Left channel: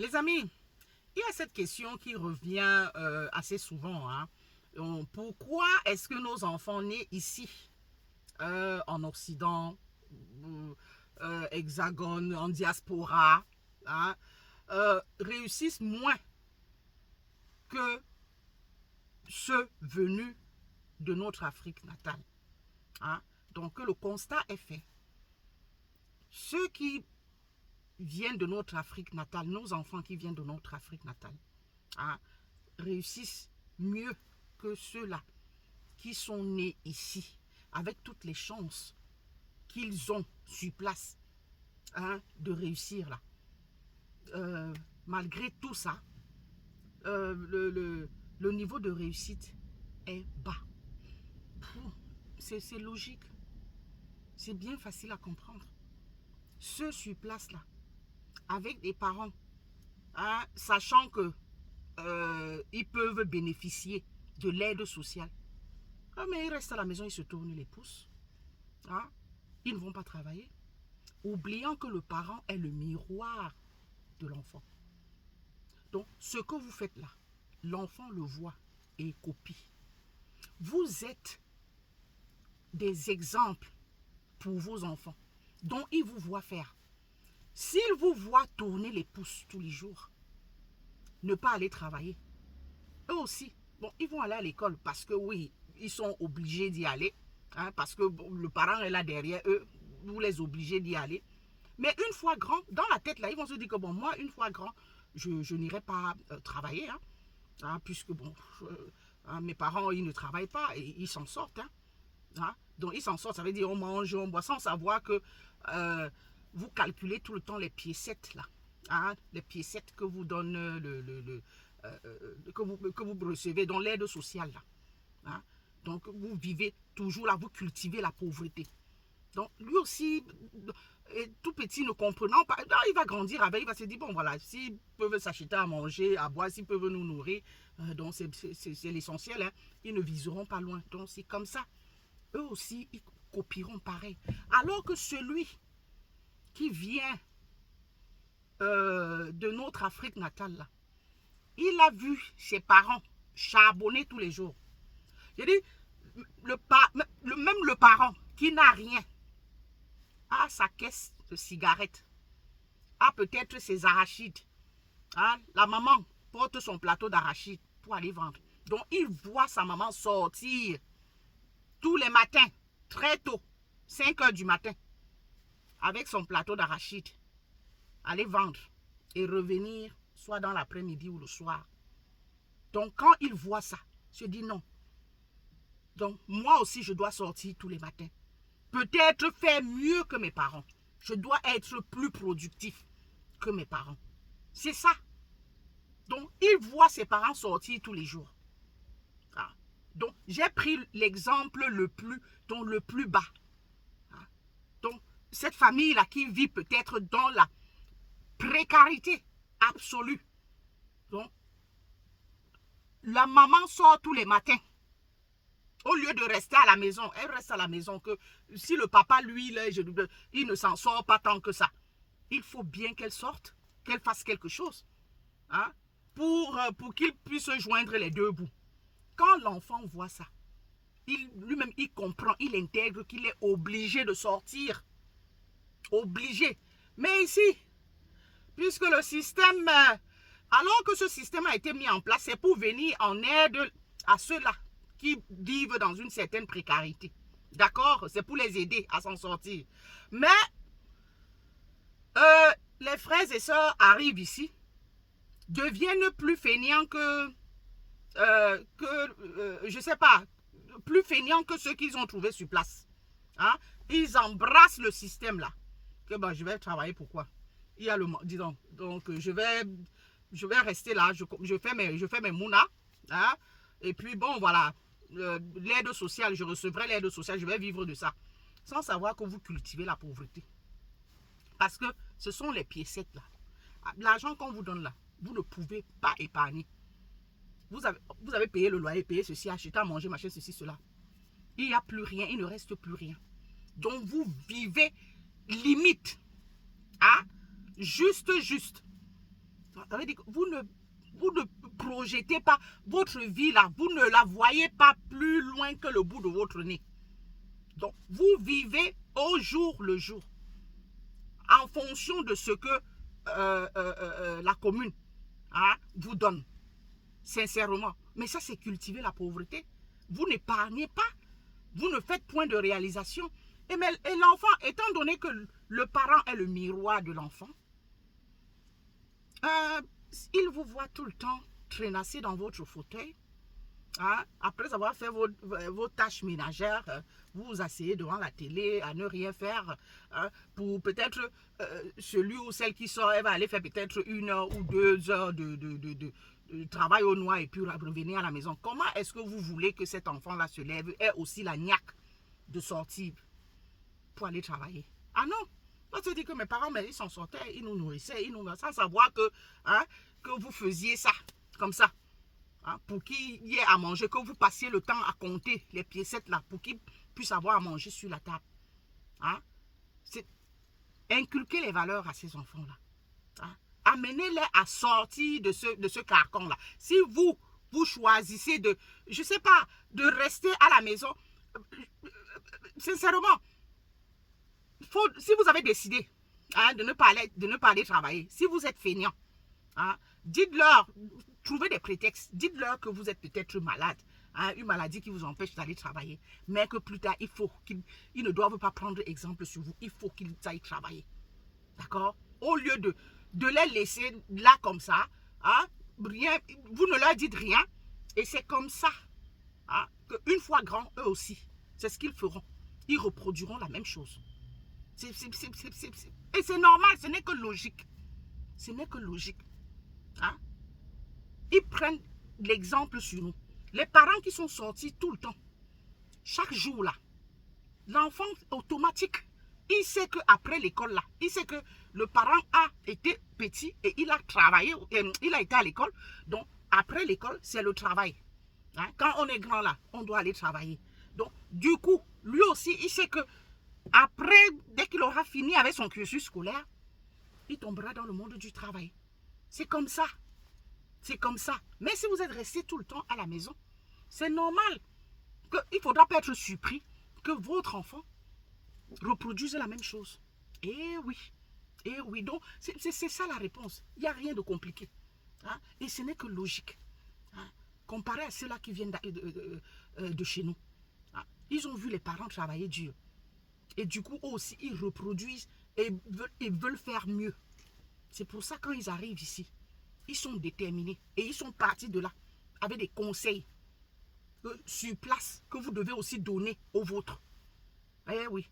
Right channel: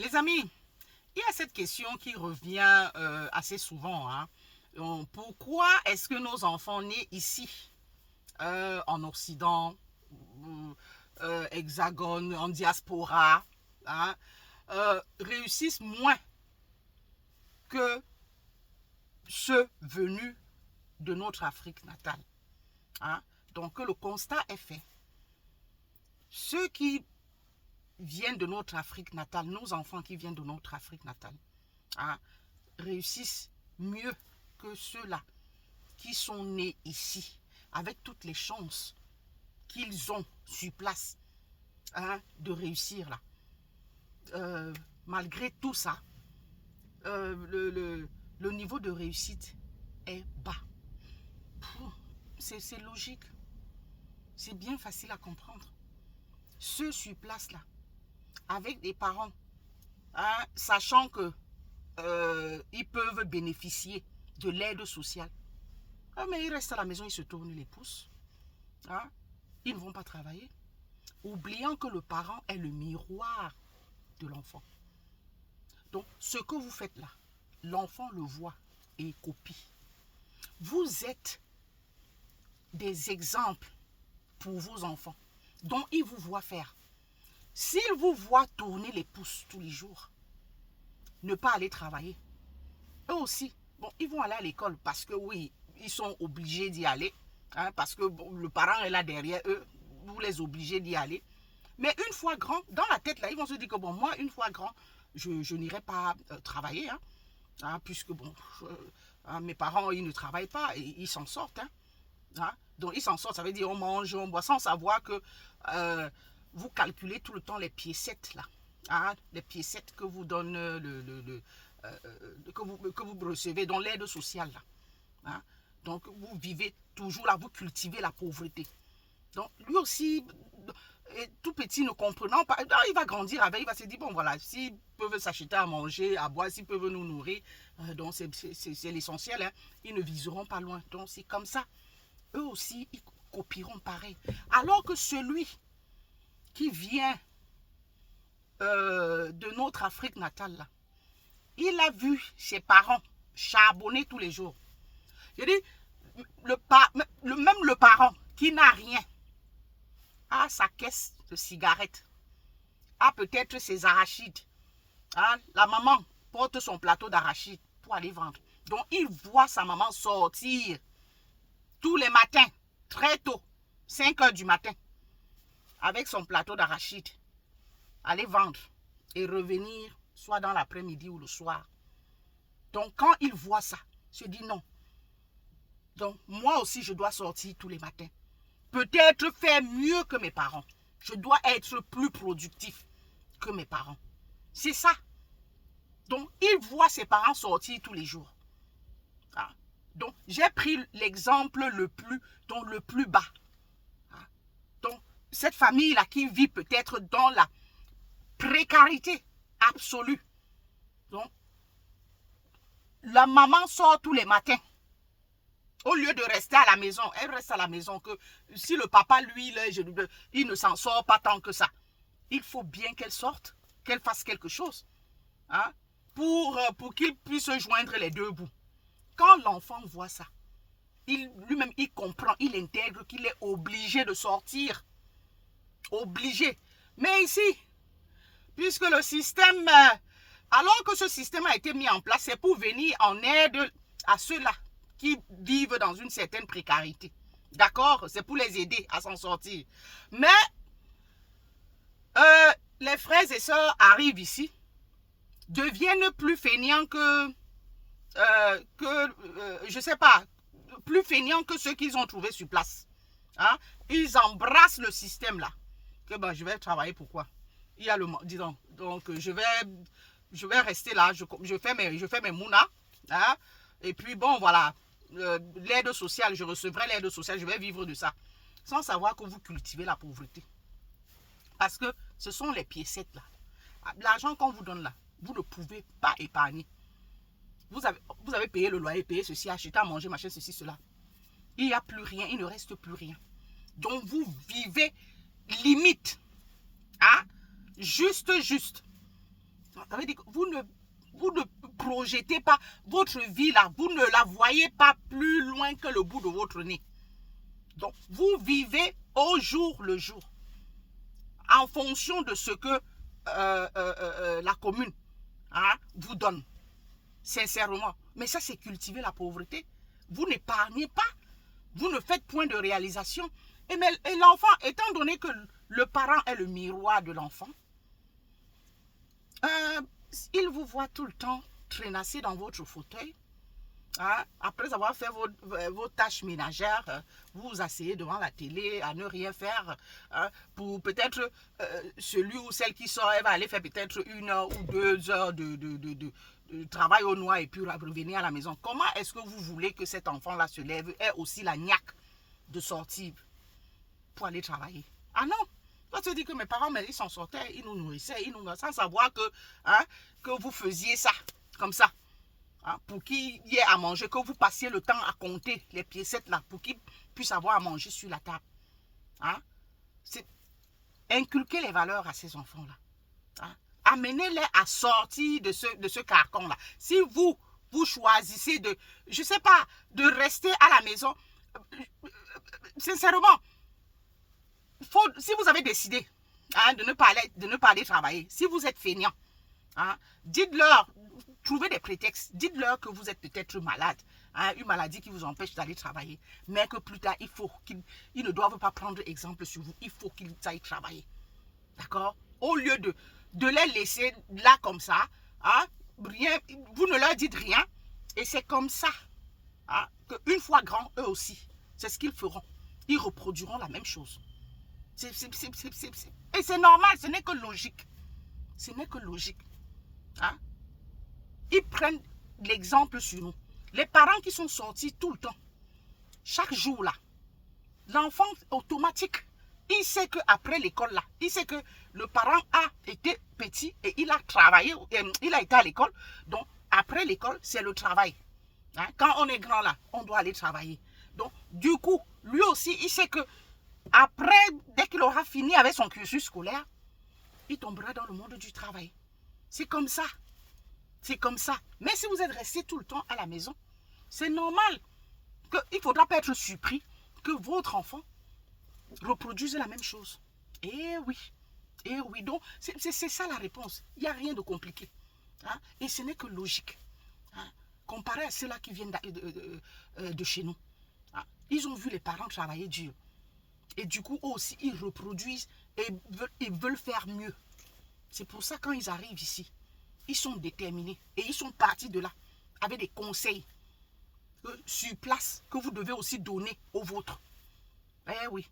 Les amis, il y a cette question qui revient assez souvent. Hein. Pourquoi est-ce que nos enfants nés ici, en Occident, Hexagone, en diaspora, hein, réussissent moins que ceux venus de notre Afrique natale, hein? Donc le constat est fait. Ceux qui viennent de notre Afrique natale, nos enfants qui viennent de notre Afrique natale, hein, réussissent mieux que ceux-là qui sont nés ici, avec toutes les chances qu'ils ont sur place, hein, de réussir là. Malgré tout ça, le niveau de réussite est bas. C'est logique. C'est bien facile à comprendre. Ceux sur place là, avec des parents, hein, sachant que ils peuvent bénéficier de l'aide sociale. Ah, mais ils restent à la maison, ils se tournent les pouces. Hein? Ils ne vont pas travailler. Oubliant que le parent est le miroir de l'enfant. Donc, ce que vous faites là, l'enfant le voit et copie. Vous êtes des exemples pour vos enfants dont ils vous voient faire. S'ils vous voient tourner les pouces tous les jours, ne pas aller travailler, eux aussi, bon, ils vont aller à l'école parce que oui, ils sont obligés d'y aller, hein, parce que bon, le parent est là derrière eux, vous les obligez d'y aller. Mais une fois grand, dans la tête là, ils vont se dire que bon, moi, une fois grand, je n'irai pas travailler, hein, puisque bon, mes parents, ils ne travaillent pas et ils s'en sortent. Hein. Donc, ils s'en sortent, ça veut dire on mange, on boit, sans savoir que vous calculez tout le temps les piécettes là. Hein, les piécettes que vous donne que vous recevez dans l'aide sociale là. Hein. Donc, vous vivez toujours là, vous cultivez la pauvreté. Donc, lui aussi, tout petit ne comprenant pas, il va grandir avec, il va se dire, bon voilà, s'ils peuvent s'acheter à manger, à boire, s'ils peuvent nous nourrir, donc c'est l'essentiel, hein, ils ne viseront pas loin. Donc, c'est comme ça. Eux aussi, ils copieront pareil. Alors que celui qui vient de notre Afrique natale, là, il a vu ses parents charbonner tous les jours. Je dis, même le parent qui n'a rien a sa caisse de cigarettes, a peut-être ses arachides. Hein? La maman porte son plateau d'arachides pour aller vendre. Donc, il voit sa maman sortir tous les matins, très tôt, 5 heures du matin, avec son plateau d'arachides, aller vendre et revenir soit dans l'après-midi ou le soir. Donc, quand il voit ça, il se dit non. Donc, moi aussi, je dois sortir tous les matins. Peut-être faire mieux que mes parents. Je dois être plus productif que mes parents. C'est ça. Donc, il voit ses parents sortir tous les jours. Ah. Donc, j'ai pris l'exemple le plus bas. Ah. Donc, cette famille-là qui vit peut-être dans la précarité absolue. Donc, la maman sort tous les matins. Au lieu de rester à la maison, elle reste à la maison. Que si le papa, lui, il ne s'en sort pas tant que ça. Il faut bien qu'elle sorte, qu'elle fasse quelque chose. Hein, pour qu'il puisse joindre les deux bouts. Quand l'enfant voit ça, lui-même, il comprend, il intègre qu'il est obligé de sortir. Obligé. Mais ici, puisque le système, alors que ce système a été mis en place, c'est pour venir en aide à ceux-là qui vivent dans une certaine précarité. D'accord? C'est pour les aider à s'en sortir. Mais les frères et sœurs arrivent ici, deviennent plus feignants que je sais pas, plus feignants que ceux qu'ils ont trouvés sur place. Hein? Ils embrassent le système là. Que ben, je vais travailler pourquoi? Il y a le, disons, donc je vais rester là, je fais mes mounas, hein? Et puis bon voilà, l'aide sociale, je recevrai l'aide sociale, je vais vivre de ça, sans savoir que vous cultivez la pauvreté. Parce que ce sont les piécettes là. L'argent qu'on vous donne là, vous ne pouvez pas épargner. Vous avez payé le loyer, payé ceci, acheté à manger, machin, ceci, cela. Il n'y a plus rien, il ne reste plus rien. Donc vous vivez limite. Hein? Juste. Ça veut dire que vous ne projetez pas votre vie là, vous ne la voyez pas plus loin que le bout de votre nez. Donc, vous vivez au jour le jour, en fonction de ce que la commune vous donne, sincèrement. Mais ça, c'est cultiver la pauvreté. Vous n'épargnez pas, vous ne faites point de réalisation. Et l'enfant, étant donné que le parent est le miroir de l'enfant, il vous voit tout le temps traînasser dans votre fauteuil. Après avoir fait vos tâches ménagères, vous vous asseyez devant la télé à ne rien faire. Pour peut-être celui ou celle qui sort, elle va aller faire peut-être 1 heure ou 2 heures de travail au noir et puis revenir à la maison. Comment est-ce que vous voulez que cet enfant-là se lève, ait aussi la niaque de sortir pour aller travailler? Ah non! On se dit que mes parents, mais ils s'en sortaient, ils nous nourrissaient, sans savoir que vous faisiez ça, comme ça. Pour qu'il y ait à manger, que vous passiez le temps à compter les piécettes là, pour qu'ils puissent avoir à manger sur la table. C'est inculquer les valeurs à ces enfants-là. Amenez-les à sortir de ce carcan-là. Si vous choisissez de, je sais pas, de rester à la maison, sincèrement, si vous avez décidé de ne pas aller travailler, si vous êtes feignant, dites-leur, trouvez des prétextes, dites-leur que vous êtes peut-être malade, une maladie qui vous empêche d'aller travailler, mais que plus tard, ils ne doivent pas prendre exemple sur vous, il faut qu'ils aillent travailler. D'accord? Au lieu de les laisser là comme ça, rien, vous ne leur dites rien, et c'est comme ça qu'une fois grands, eux aussi, c'est ce qu'ils feront. Ils reproduiront la même chose. Et c'est normal, ce n'est que logique. Ce n'est que logique. Ils prennent l'exemple sur nous. Les parents qui sont sortis tout le temps, chaque jour là, l'enfant automatique, il sait qu'après l'école là, il sait que le parent a été petit et il a travaillé, il a été à l'école. Donc après l'école, c'est le travail. Quand on est grand là, on doit aller travailler. Donc du coup, lui aussi, il sait que après, dès qu'il aura fini avec son cursus scolaire, il tombera dans le monde du travail. C'est comme ça. C'est comme ça. Mais si vous êtes resté tout le temps à la maison, c'est normal qu'il ne faudra pas être surpris que votre enfant reproduise la même chose. Eh oui. Eh oui. Donc, c'est ça la réponse. Il n'y a rien de compliqué. Et ce n'est que logique. Comparé à ceux-là qui viennent de chez nous. Ils ont vu les parents travailler dur. Et du coup, eux aussi, ils reproduisent et ils veulent faire mieux. C'est pour ça, quand ils arrivent ici, ils sont déterminés. Et ils sont partis de là avec des conseils sur place que vous devez aussi donner aux vôtres. Eh oui.